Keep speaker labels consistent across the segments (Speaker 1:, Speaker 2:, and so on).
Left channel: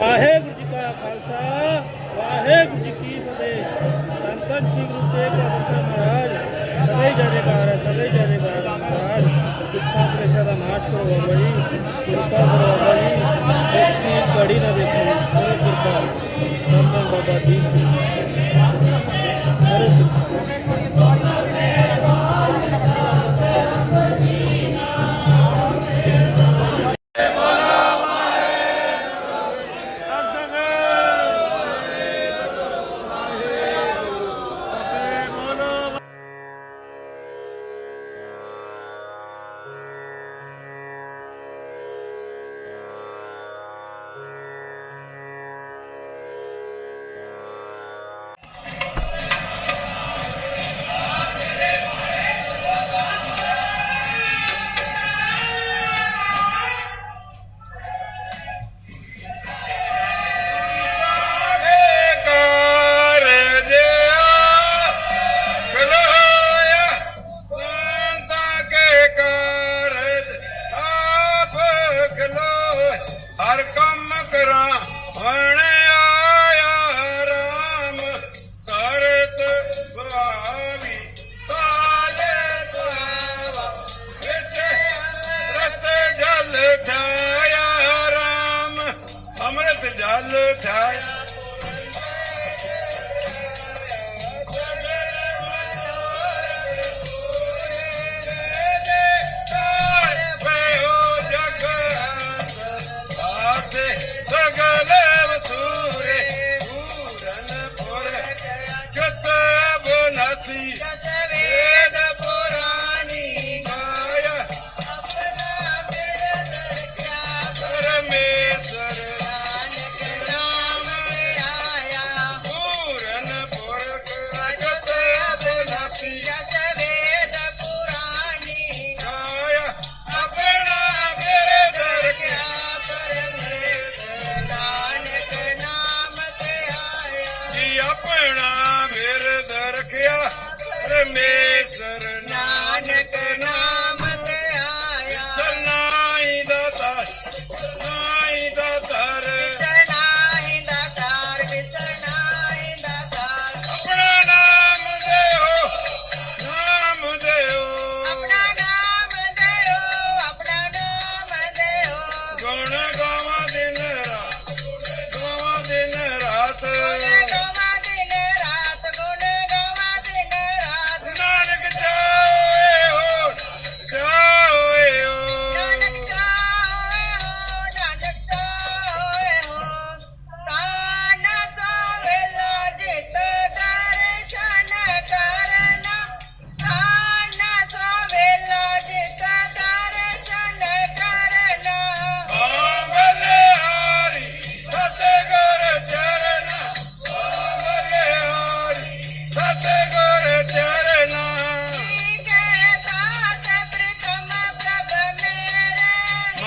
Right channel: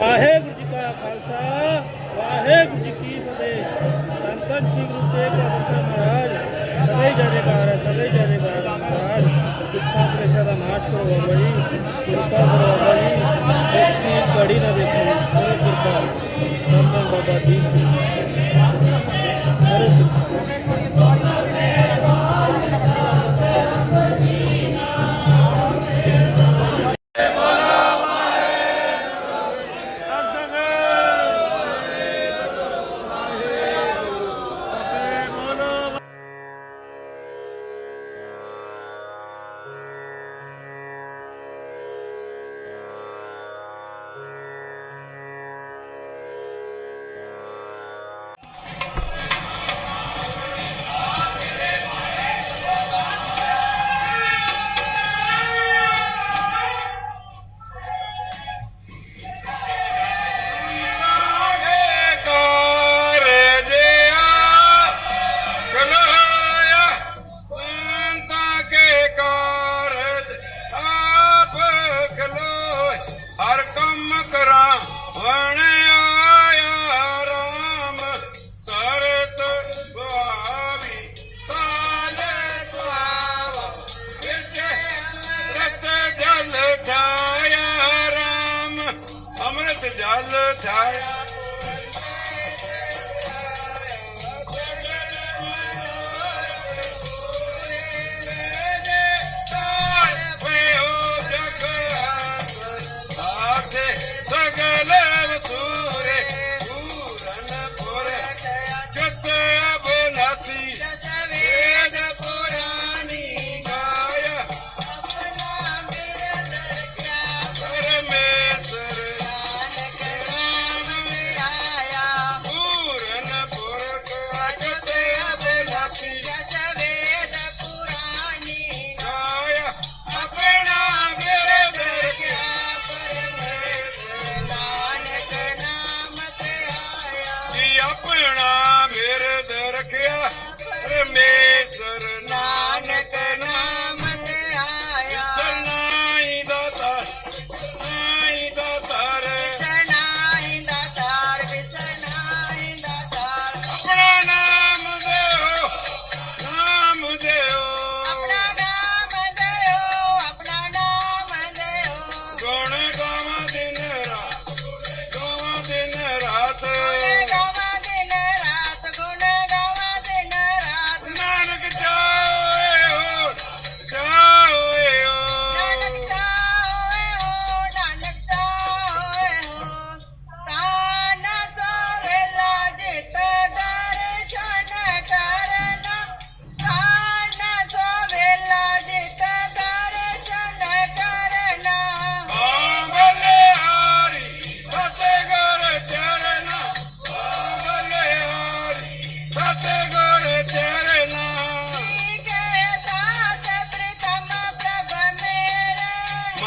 Speaker 1: ਵਾਹਿਗੁਰੂ ਜੀ ਕਾ ਖਾਲਸਾ, ਵਾਹਿਗੁਰੂ ਜੀ ਕੀ ਫਤਿਹ। ਸੰਤਨ ਸ੍ਰੀ ਗੁਰੂ ਤੇਗ ਬਹਾਦਰ ਮਹਾਰਾਜ ਸਦੇ ਜੈਕਾਰ ਹੈ ਸਦੇ ਜੈਕਾਰ ਮਹਾਰਾਜ। ਦੁੱਖਾਂ ਪ੍ਰੇਸ਼ਾ ਦਾ ਨਾਸ਼ ਕਰੋ ਬਾਬਾ ਜੀ, ਕਿਰਪਾ ਕਰੋ ਬਾਬਾ ਜੀ। ਇੱਕ ਘੜੀ ਨਾ ਦੇਖੋ ਕਰੋ ਕਿਰਪਾ। ਧੰਨ ਬਾਬਾ ਜੀ। ਹਰੇ
Speaker 2: Amen.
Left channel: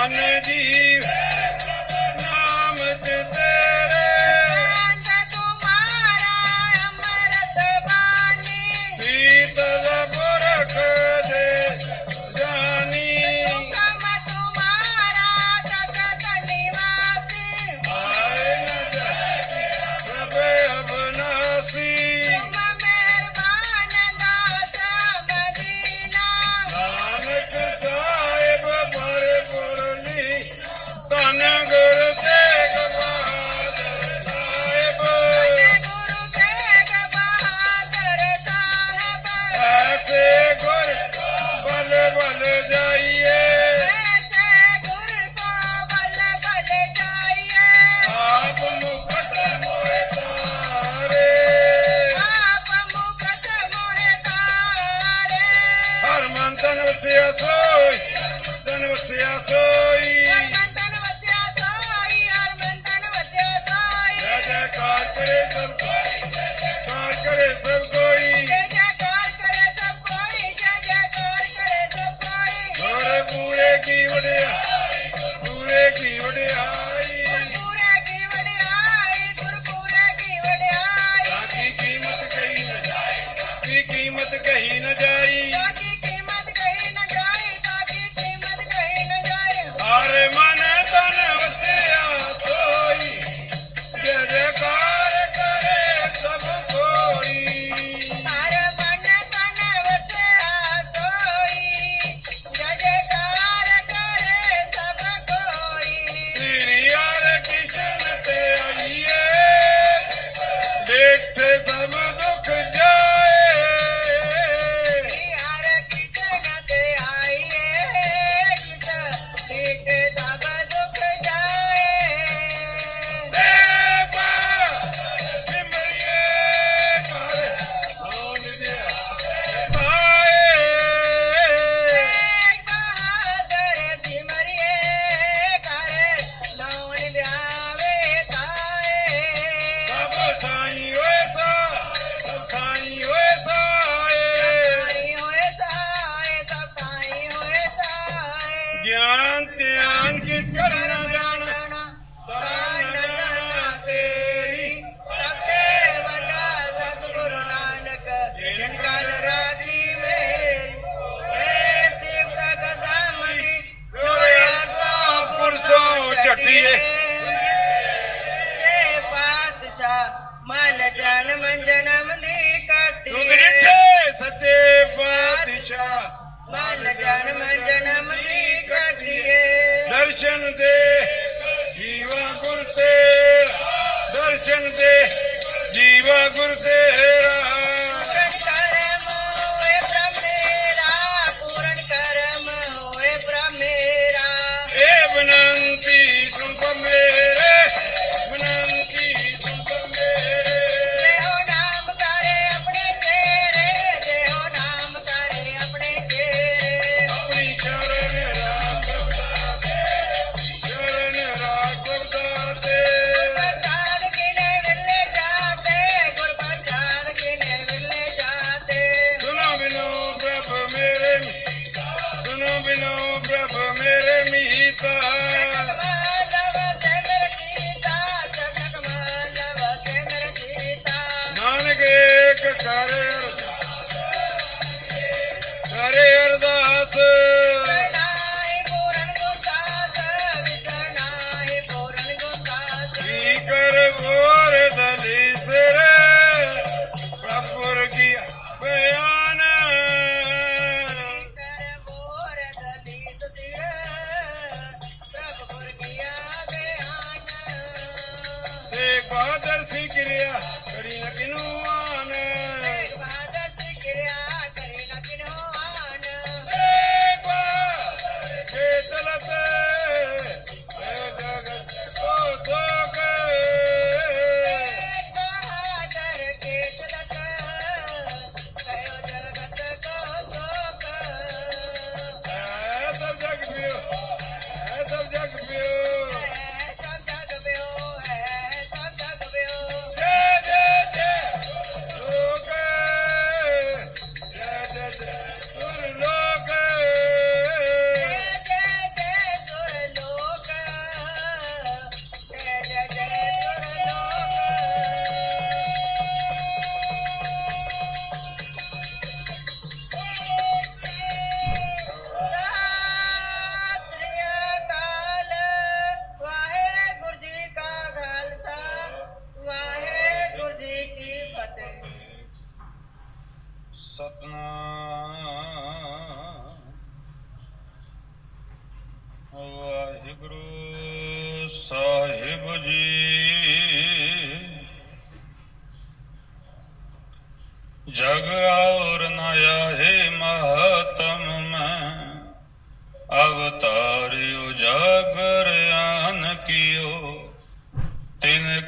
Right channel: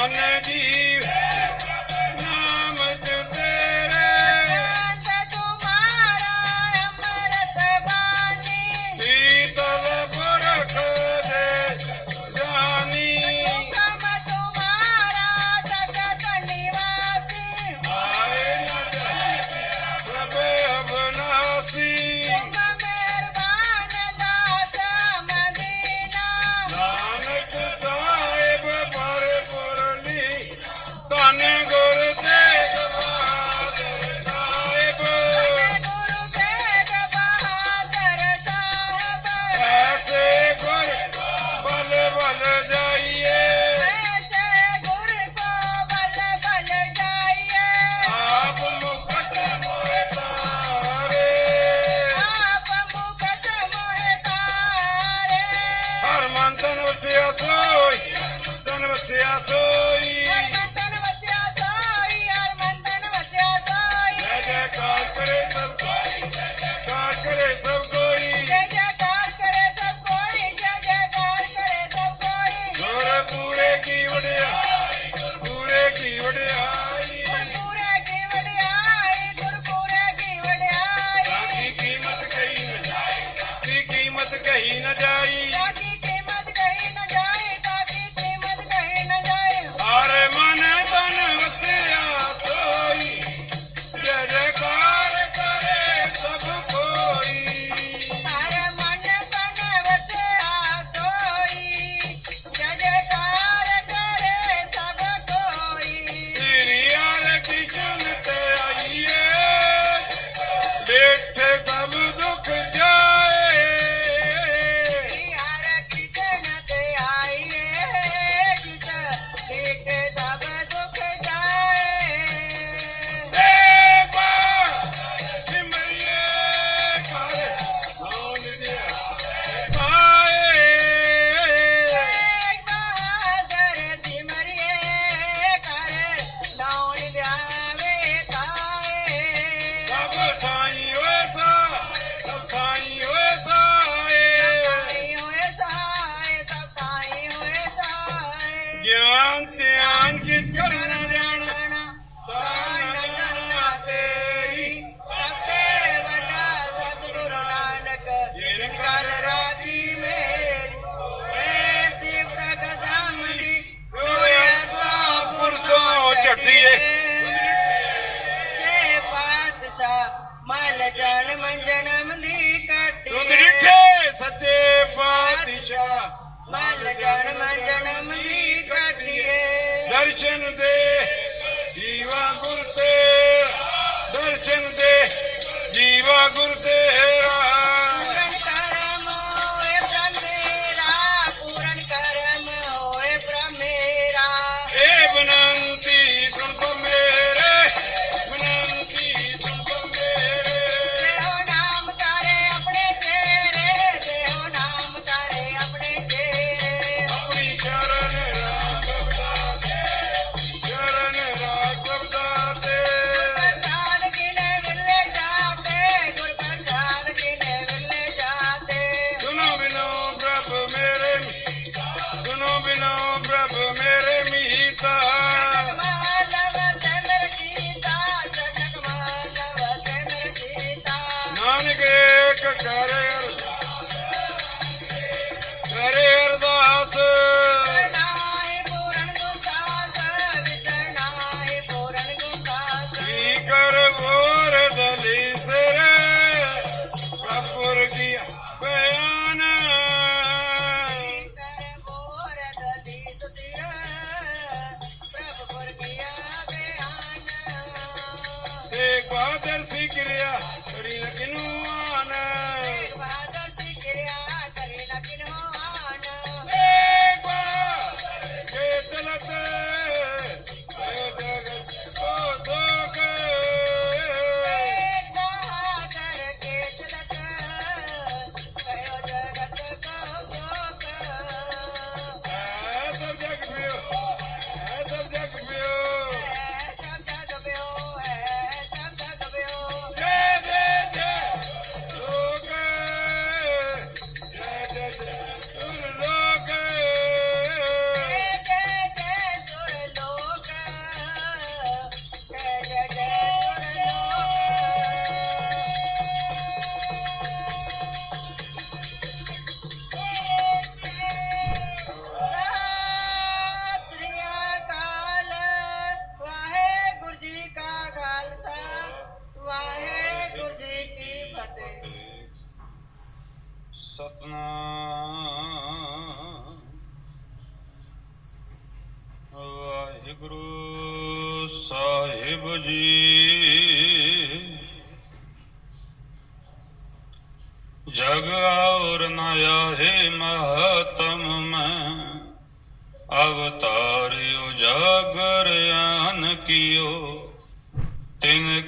Speaker 2: ਮਨ ਮਲ ਜਨਮ ਜਨਮ ਦੀ ਕਾਟੇ
Speaker 3: ਦੁੱਧ ਡਿੱਠੇ ਸੱਚੇ ਪਾਤਸ਼ਾਹ।
Speaker 2: ਮਲ ਜਨਮ ਜਨਮ ਦੀ ਕਾਟੇ
Speaker 3: ਦਰਸ਼ਨ ਦੇ ਜੀਵਾ ਗੁਰ ਤੇ। ਦਰਸ਼ਨ ਦੇ ਜੀਵਾ ਗੁਰ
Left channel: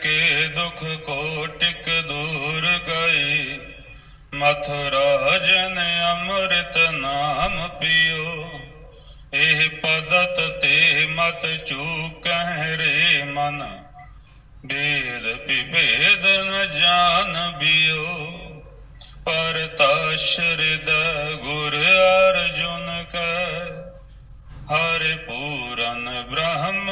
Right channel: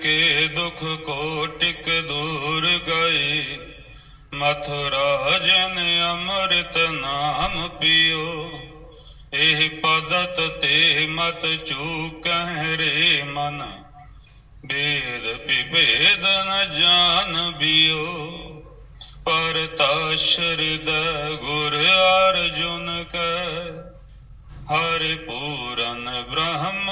Speaker 3: ਕੇ ਦੁਖ ਕੋ ਟਿਕ ਦੂਰ ਗਏ ਮਥੁਰਾ ਜਨ ਅੰਮ੍ਰਿਤ ਨਾਮ ਪਿਓ। ਇਹ ਪਦਤ ਤੇ ਮਤ ਚੂਕਹਿ ਰੇ ਮਨ। ਬੇਦ ਵਿਭੇਦ ਨ ਜਾਣ ਬਿਓ। ਪਰ ਤਸ਼ਰਦ ਗੁਰ ਅਰਜੁਨ ਕੈ, ਹਰਿ ਪੂਰਨ ਬ੍ਰਹਮ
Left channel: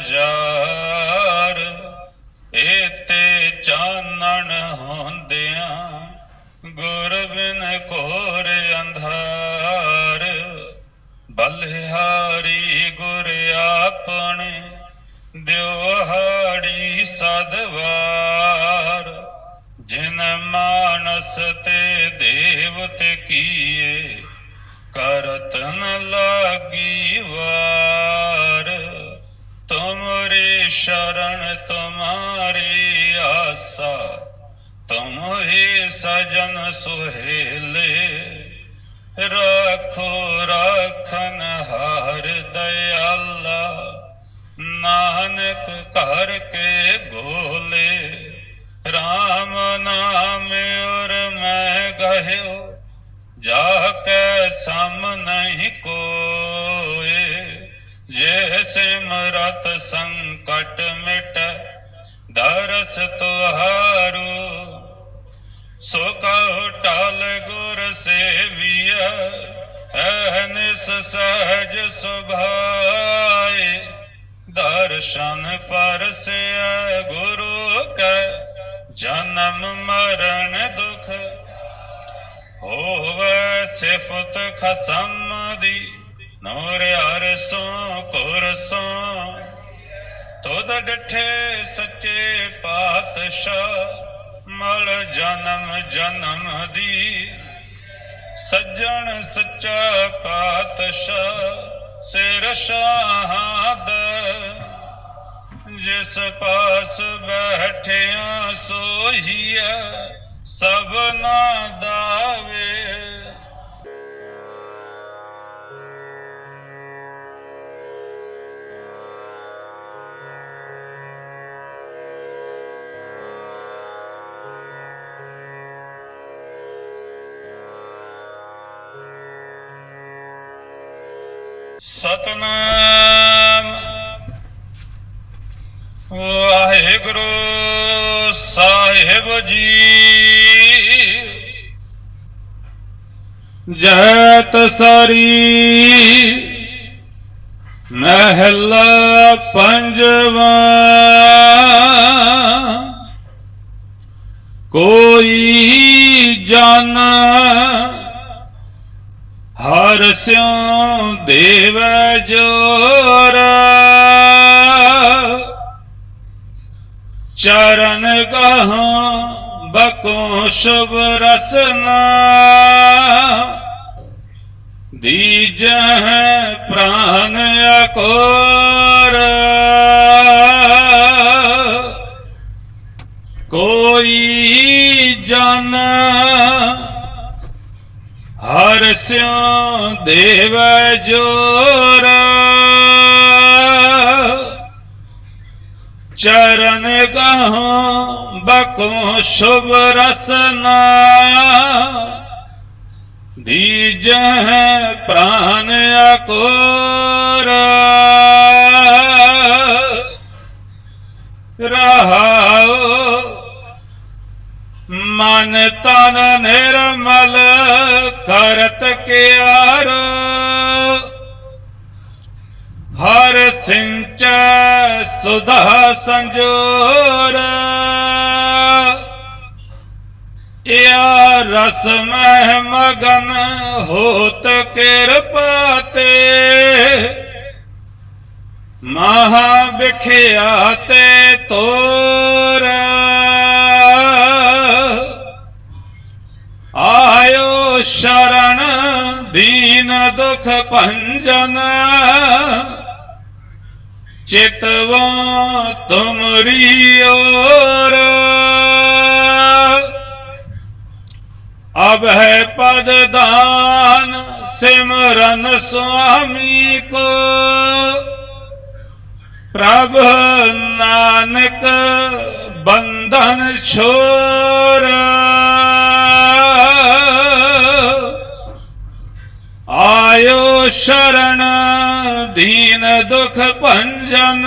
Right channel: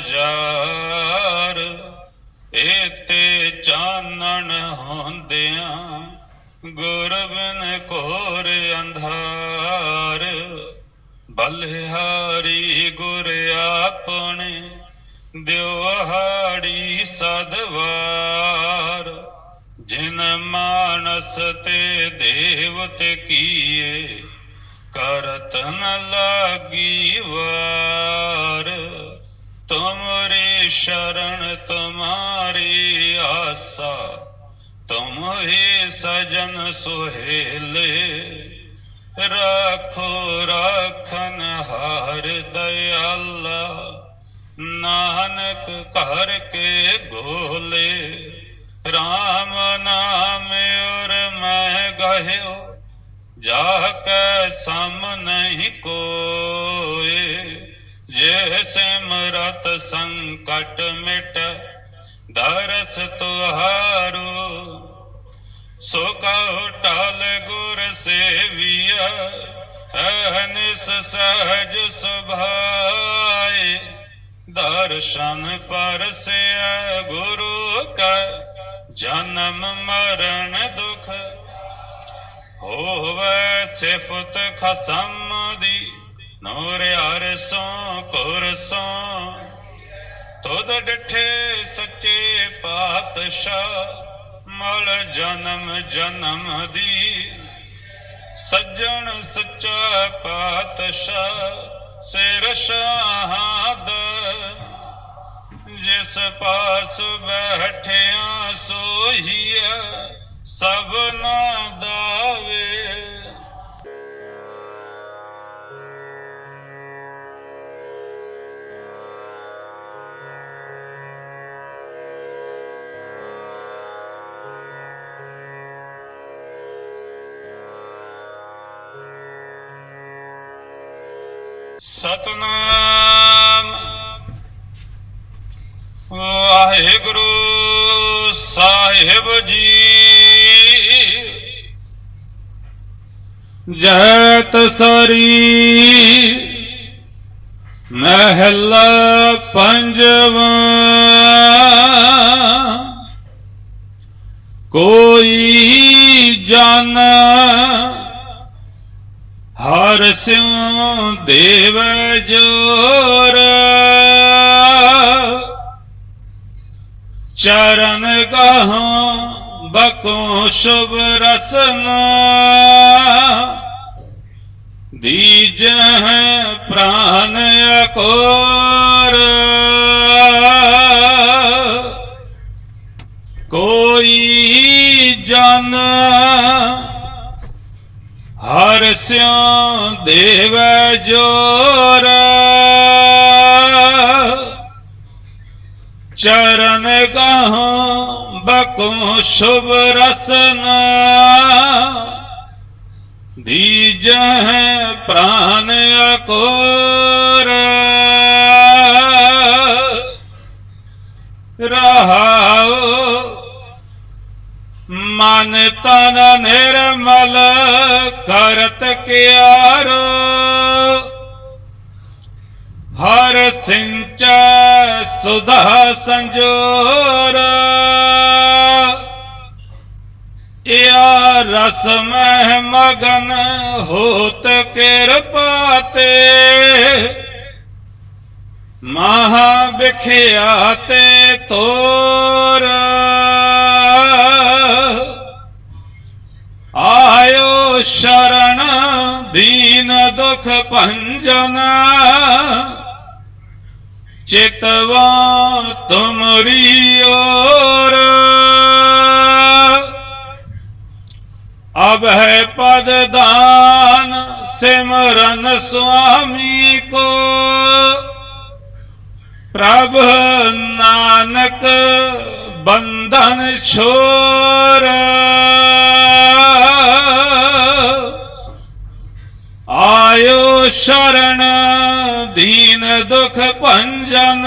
Speaker 3: ਹਜ਼ਾਰ ਤੇ ਚਾਨਣ ਹੁੰਦਿਆਂ ਗੁਰ ਬਿਨ ਕੋਰ ਅੰਧਾਰ, ਬਲਿਹਾਰੀ ਗੁਰ ਆਪਣੇ ਦਿਵਹਾੜੀ ਸਦਵਾਰ। ਜਿਨ ਮਾਨਸ ਤੇ ਦੇਵਤ ਕੀਏ, ਕਰਤ ਨ ਲਾਗੀ ਵਾਰ। ਤੁਮਰੇ ਸ਼ਰਨ ਤੁਮਾਰੀ ਆਸਾ ਤੁਮ ਹੀ ਸਜਨ ਸੁਹੇਲੇ। ਰੱਖੋ ਰੱਖਨ ਹਾਰ ਦਇਆਲਾ ਨਾਨਕ ਘਰ ਦਰਸ ਤੁਹਾਰੂ ਸੋ ਕਉ ਟਲ ਗੁਰ ਸੇਵੀਐ ਐਨਿਸ ਸਹਜ ਸੁਭਾਏ। ਦਰਸ਼ਨ ਪਰਸੈ ਗੁਰੂ ਕੈ, ਜਨਮ ਮਰਨ ਦੁਖ। ਹੋਵੇ ਸਿਫਤ ਖਸਮ ਦੀ, ਨੂਰ ਅਰਸੋਂ ਕੁਰਸੋਂ ਤੁਧ ਡਠੇ ਸੱਚੇ ਪਾਤਸ਼ਾਹ, ਮਲ ਜਨਮ ਜਨਮ ਦੀ। ਸੱਜਣ ਸੱਚਾ ਪਾਤਸ਼ਾਹ, ਸਿਰ ਸ਼ਾਹਦ ਜਿਸ ਪਾਸ ਬੈਠਿਆ ਸੋਹੀਐ ਸਭਨਾ ਦਾਵੇ। ਸਤਨਾਮ। ਵਾਹਿਗੁਰੂ ਸਾਹਿਬ ਜੀ। ਜੈਤ ਸਰੀ ਮਹਿਲ ਪੰਜਵਾ। ਕੋਈ ਜਾਣਾ ਹਰ ਸਿਉ ਦੇਵ ਜੋਰ। ਚਰਨ ਕਹਉ ਬਕੋ ਸ਼ੁਭ ਰਸਨਾ। ਦੀਜਹ ਪ੍ਰਾਨ ਅਕੋਰ। ਕੋਈ ਜਨ ਹਰ ਸਿਉ ਦੇਵ ਜੋਰ ਚਰਨ ਗਹਉ ਬਕੋ ਸ਼ੁਭ ਰਸਨਾ ਦੀਜਹ ਪ੍ਰਾਨ ਅਕੋਰ ਰਹਾਉ ਮਨ ਤਨ ਨਿਰਮਲ ਕਰਤ ਕਿਆਰ। ਹਰ ਸਿੰਚ ਸੁਧਾ ਸੰਜੋਰ। ਯਾ ਰਸ ਮਹਿ ਮਗਨ ਹੋਤ ਕਿਰਪਾ ਤੇ। ਮਹਾ ਵਿਖਿਆ ਤੇ ਤੋਰ। ਸ਼ਰਨ ਦੀਨ ਦੁਖ ਭੰਜਨ। ਚਿਤਵਾ ਤੁਮਰੀ ਓਰ ਅਬ ਹੈ ਪਦ ਦਾਨ ਸਿਮਰਨ ਸੁਆਮੀ ਕੋ। ਪ੍ਰਭ ਨਾਨਕ ਬੰਧਨ ਛੋਰਾ। ਸ਼ਰਣ ਦੀਨ ਦੁਖ ਭੰਜਨ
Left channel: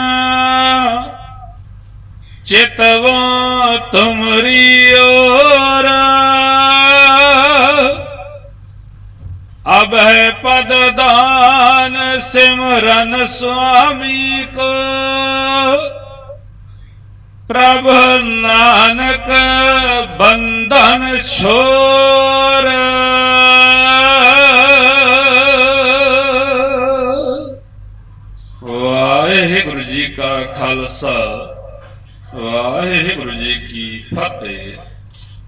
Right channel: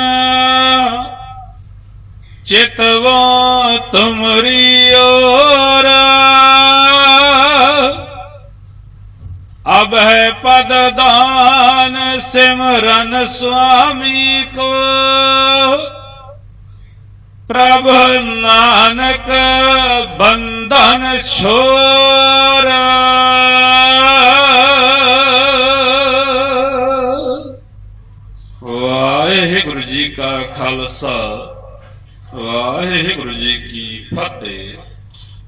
Speaker 3: ਚਿਤਵੋ ਤੁਮਰੀ ਓਰ ਅਬ ਹੈ ਪਦ ਦਾਨ ਸਿਮਰਨ ਸੁਆਮੀ ਕੋ ਪ੍ਰਭ ਨਾਨਕ ਬੰਧਨ ਛੋਰਾ ਖਾਲਸਾ। ਵਾਹਿਗੁਰੂ ਜੀ ਕੀ ਫਤਿਹ।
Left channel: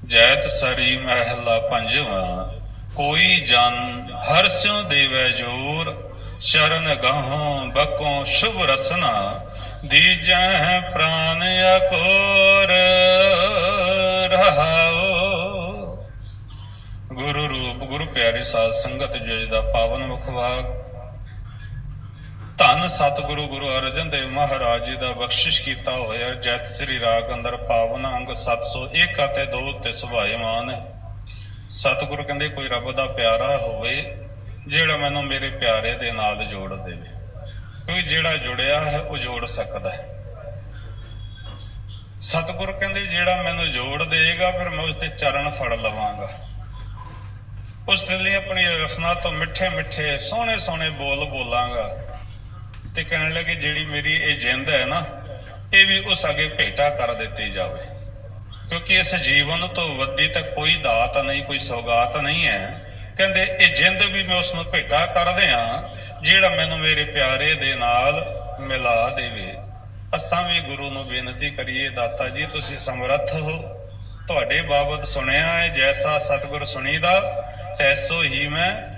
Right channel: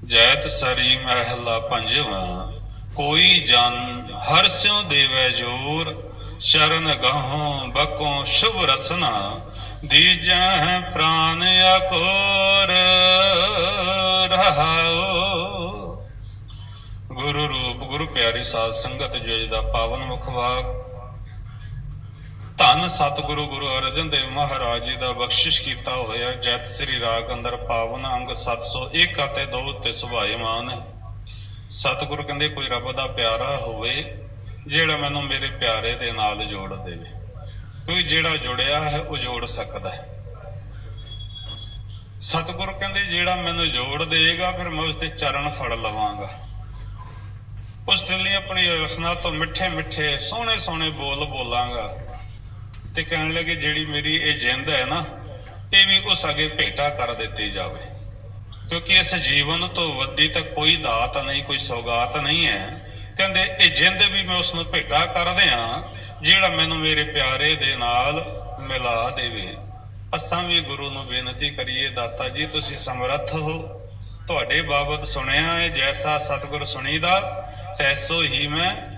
Speaker 3: ਜੈਤ ਸਰੀ ਮਹਿਲਾ ਪੰਜਵਾਂ। ਕੋਈ ਜਨ ਹਰ ਸਿਉ ਦੇਵੈ ਜੋਰ। ਸ਼ਰਨ ਗਹੋਂ ਬਕੋਂ ਸ਼ੁਭ ਰਸਨਾ। ਦੀਜੈ ਪ੍ਰਾਨ ਅਕੋਰ ਰਹਾਓ ਗੁਰੂ ਰੂਪ ਗੁਰੂ ਪਿਆਰੀ ਸਾਧ ਸੰਗਤ, ਜੀ ਦਾ ਪਾਵਨ ਮੁਖ ਮੁਖਵਾਕ ਧੰਨ ਸਤਿਗੁਰੂ ਗੁਰੂ ਅਰਜਨ ਦੇਵ ਮਹਾਰਾਜ ਜੀ ਦਾ ਬਖਸ਼ਿਸ਼ ਕੀਤਾ ਹੋਇਆ ਜੈਤ ਸ੍ਰੀ ਰਾਗ ਅੰਦਰ ਪਾਵਨ ਅੰਗ 701 ਅਤੇ 2 ਤੇ ਸੁਭਾਏਮਾਨ ਹੈ। ਸਤਿਗੁਰੂ ਕਹਿੰਦੇ, ਕੋਈ ਰੱਬ ਦਾ ਪਿਆਰਾ ਹੋਵੇ, ਜਿਹੜਾ ਮੈਨੂੰ ਮੇਰੇ ਪਿਆਰੇ ਦੇ ਨਾਲ ਜੋੜ ਦੇਵੇ। ਕੋਈ ਜਿਹੜਾ ਜੁੜਿਆ ਹੈ, ਉਹ ਜੋੜ ਸਕਦਾ ਹੈ। ਸਤਿਗੁਰ ਕਹਿੰਦੇ, ਜਿਹੜਾ ਮੈਨੂੰ ਜੋੜ ਦੇਗਾ ਫਿਰ ਮੈਂ ਉਸ ਦੇ ਚਰਨ ਫੜ ਲਵਾਂਗਾ। ਉਸ ਦੇ ਲਈ ਆਪਣੀ ਰਸਨਾ ਤੋਂ ਮਿੱਠੇ ਮਿੱਠੇ ਸੋਹਣੇ ਸੋਹਣੇ ਬੋਲ ਬੋਲਾਂਗਾ। ਤੇ ਕਹਿਣ ਲੱਗੇ, ਜਿਹੜੀ ਮੇਰੀ ਇਹ ਜਿੰਦ ਹੈ ਨਾ, ਇਹ ਵੀ ਉਸ ਅਗੇ ਭੇਟਾ ਕਰ ਦਿੱਤੀ ਜਾਵੇ। ਕਿਉਂਕਿ ਇਸ ਜੀਵਨ ਤੋਂ ਵੱਡੀ ਤਾਂ ਕੋਈ ਦਾਤ ਨਹੀਂ, ਕੋਈ ਸੌਗਾਤ ਨਹੀਂ ਹੈ। ਕਹਿੰਦੇ, ਇਹ ਜਿੰਦ ਵੀ ਮੈਂ ਉਸ ਨੂੰ ਭੇਟਾ ਕਰਦੇ ਆ ਜਿਹੜਾ ਮੈਨੂੰ ਮੇਰੇ ਪਿਆਰੇ ਦੇ ਨਾਲ ਮਿਲਾ ਦੇਵੇ। ਅਸਾਂ ਵੀ ਗੁਰੂ ਨੂੰ ਬੇਨਤੀ ਕਰੀਏ, ਦਾਤਾ ਜੀ, ਤੁਸੀਂ ਸਮਰੱਥ ਹੋ। ਤੁਹਾਡੇ ਬਾਬਤ ਸੁਣਿਆ ਹੈ, ਜੈਸਾ ਸਤਿਗੁਰ ਸੁਣੀਦਾ, ਤੈਸੋ ਹੀ ਮੈਂ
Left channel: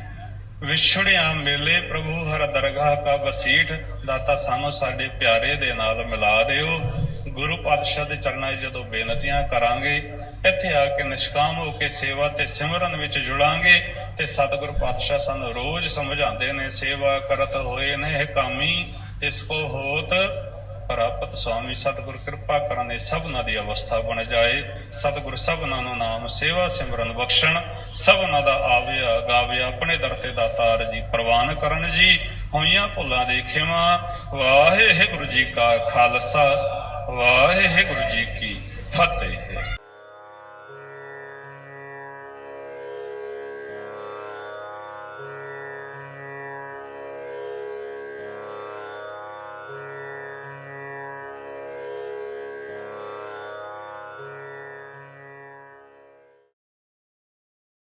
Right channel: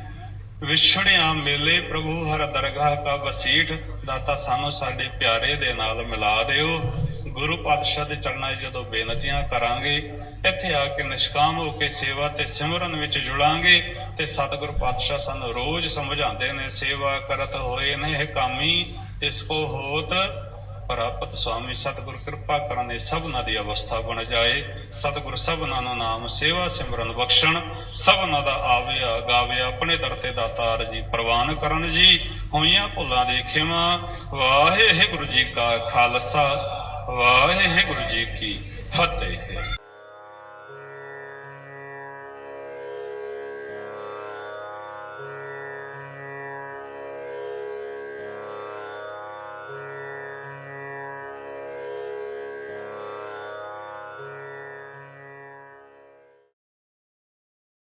Speaker 3: ਵਿਛੜਿਆ ਮੇਲੇ ਪ੍ਰਭੂ ਹਰ ਦਰਗਾਹ ਕਾ ਵਸੀਠ, ਦਾਤਾ ਸਾਨੂੰ ਸਾਡੇ ਪਿਆਰੇ ਦੇ ਨਾਲ ਮਿਲਾ ਦਿਓ। ਗੁਰੂ ਪਾਤਸ਼ਾਹ ਦੇ ਚਰਨਾਂ 'ਚ ਜਦੋਂ ਬੇਨਤੀਆਂ ਕਰਾਂਗੇ, ਇੱਥੇ ਆ ਕੇ ਨਿਸ਼ਕਾਮ ਹੋ ਕੇ ਸੇਵਾ ਤੇ ਸਿਮਰਨ ਵਿੱਚ ਜੁੜਾਂਗੇ ਤੇ ਸਤਿਗੁਰੂ ਪਾਤਸ਼ਾਹ ਸਾਨੂੰ ਰੋਜ਼ ਸਮਝਾਉਂਦੇ ਨੇ, ਸੇਵਾ ਕਰਤ ਹੋਏ ਨੇ ਕਾਮੀ ਇਸ ਕੋ ਹੋਤ। ਪ੍ਰਾਪਤ ਸੁਆਮੀ ਸਤਿਗੁਰ ਕਿਰਪਾ ਕਰਨ ਇਹ ਦੀ ਅਵਸਥਾ ਬਣ ਜਾਏ। ਸਤਿਗੁਰ ਸਭਨਾਂ ਨੂੰ ਨਾਮ ਸੇਵਾ ਸਿਮਰਨ ਬਖਸ਼ਣ, ਸਭਨਾਂ ਦਾ ਆਵਿਆ ਗਾਵਿਆ ਆਪਣੇ ਦਰ ਤੇ ਦਾਤਾਰ ਜੀ ਪ੍ਰਵਾਨ ਕਰਨ ਜੀ। ਹੋਈਆਂ ਭੁੱਲਾਂ ਦੇ ਖਿਮਾ ਵਾਹਿਗੁਰੂ ਜੀ ਕਾ ਖਾਲਸਾ ਵਾਹਿਗੁਰੂ ਜੀ ਕੀ ਫਤਿਹ।